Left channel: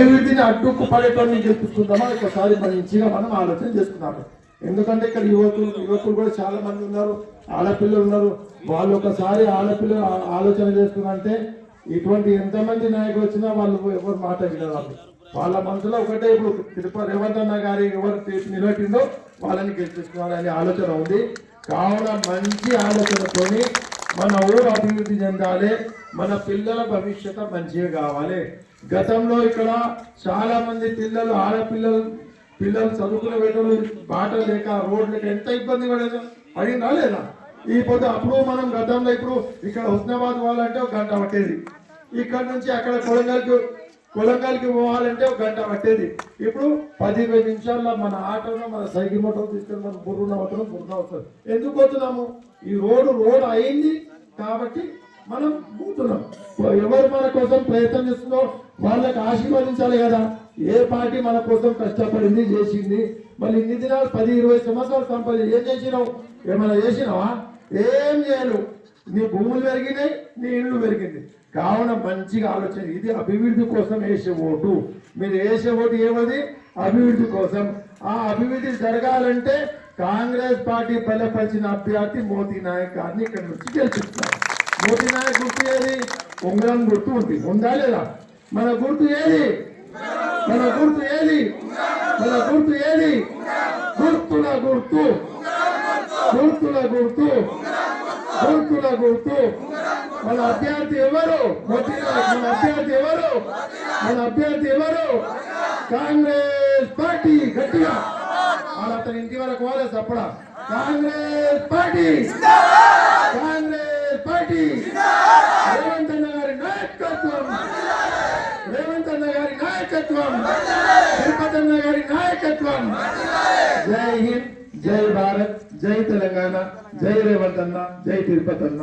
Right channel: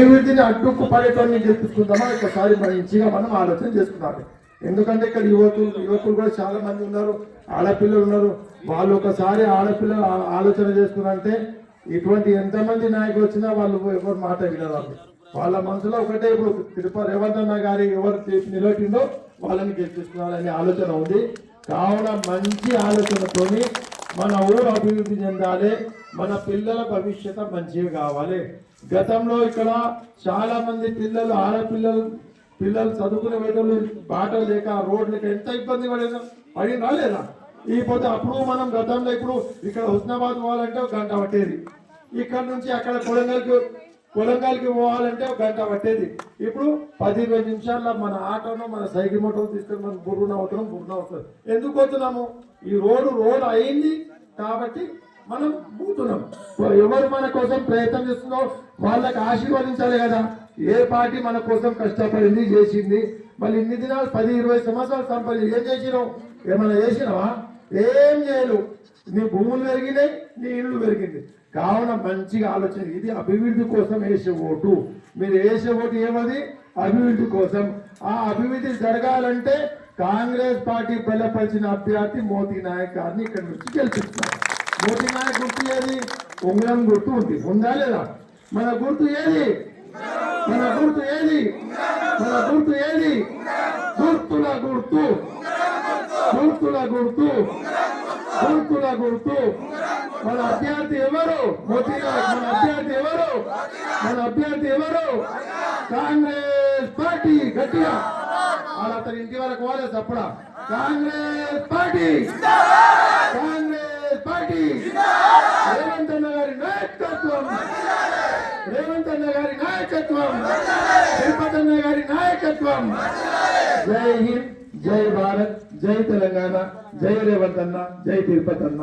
అభివృద్ధిని అడ్డుకు పడేటోని గెలిపించుకుందామా ఒకసారి మంచిగా మనం ఆలోచన చేసుకున్నాము. ఎందుకంటే ఇక్కడ యువకులు కూడా చాలా మంది ఉన్నారు, ఆడపిల్లలు ఉన్నారు. వాళ్ళు ఒకసారి ఆడపిల్లలు ఆలోచన చేసుకున్నంటే ఇటువంటి ఎంతమంది నాయకులు వచ్చినా వాళ్ళు ఎవరు మాట వినవాళ్ళు. వాళ్ళ మనసులో ఒకటే, ఇప్పుడు తిరుపతి రేవంత్ అన్న గారి ఎవరు నిలబెట్టిందో వాళ్ళని గెలిపించుకోవాలనే ఆలోచన ఉంది. కావున మంచి ఆలోచనతోని మన ఊరు అభివృద్ధి చెందాలి, మన పిల్లల భవిష్యత్తు మంచిగా కావాలి. గతంలో ఇక్కడ చాలా మంది పిల్లలు ఆడపిల్లలు చదువుకునే వేటలు బాట లేక రోడ్ లేక ఎంత ఇబ్బంది పడినా లేదా? ఈ పొద్దు అప్పుడు మనం గతంలో ఇప్పుడు ఇక్కడ హుస్నాబాద్ పోవాలంటే ఒక గంట పట్టేది, ఇక్కడ నుంచి అక్కడ కొలంగల్కి పోవాలంటే ఒక గంట పట్టేది. ఇప్పుడు 10-20 నిమిషాల్లో మన ఆటోను మన సైకిల్ మోటార్ తీసుకొని మనం బుర్రున అవుతున్నాం. ఎందుకు పోతున్నాము? ఈ రోడ్ అయింది కాబట్టి మనం పోతున్నాం. ఎవరు మన కోసం ప్రయత్నం చేస్తుందో వాళ్ళకి ఆశీర్వదించాలి కదా. ఏ పార్టీ మన కోసం కష్టపడింది చేసింది, మళ్ళీ ఇన్ని దినాలు 10-20 సంవత్సరాలు సంపాదించి ఏం చేసినావు? ఏమైనా చేసినావా? ఏం చేయను. నీ భూములు పెరిగినాయి, నీ ఇళ్ళు పెరిగింది. కావున మంచిగా ఆలోచన. ఇది అభివృద్ధి కోసం వేసే ఓటు. మీరు వేసే ఓటు ఏమది? అభివృద్ధి కోసం. ఆ అభివృద్ధి జరగాలంటే కాంగ్రెస్ పార్టీ బలపరిచిన అభ్యర్థి మోదీ నాయక్ గారిని ఇక్కడ నుంచి గెలిపిస్తున్నారు. మోదీ నాయక్ గుర్తు ఏది? ఉంగరం గుర్తు ఉంది, ఉందా లేదా? మన గుర్తు ఏది? మన గుర్తు ఏది? మన గుర్తు ఏది? గుర్తుల గుర్తు, గుర్తుల గుర్తు, గుర్తుల గుర్తు. మన అభ్యర్థి ఎవరు? మోదీ నాయక్. మన అభ్యర్థి ఎవరు? మన అభ్యర్థి ఎవరు? కాంగ్రెస్ పార్టీ. గట్టిగా వాళ్ళ అతని ఇంటి వరకు వాళ్ళే చెప్పడా. Congress party, Congress party. రేవంత్ అన్న గారి నాయకత్వం, రేవంత్ అన్న గారి నాయకత్వం, తిరుపతి అన్న గారి నాయకత్వం. జై హింద్, జై భారత్, జై తెలంగాణ, జై రేవంత్ అన్న, జై తిరుపతి అన్న.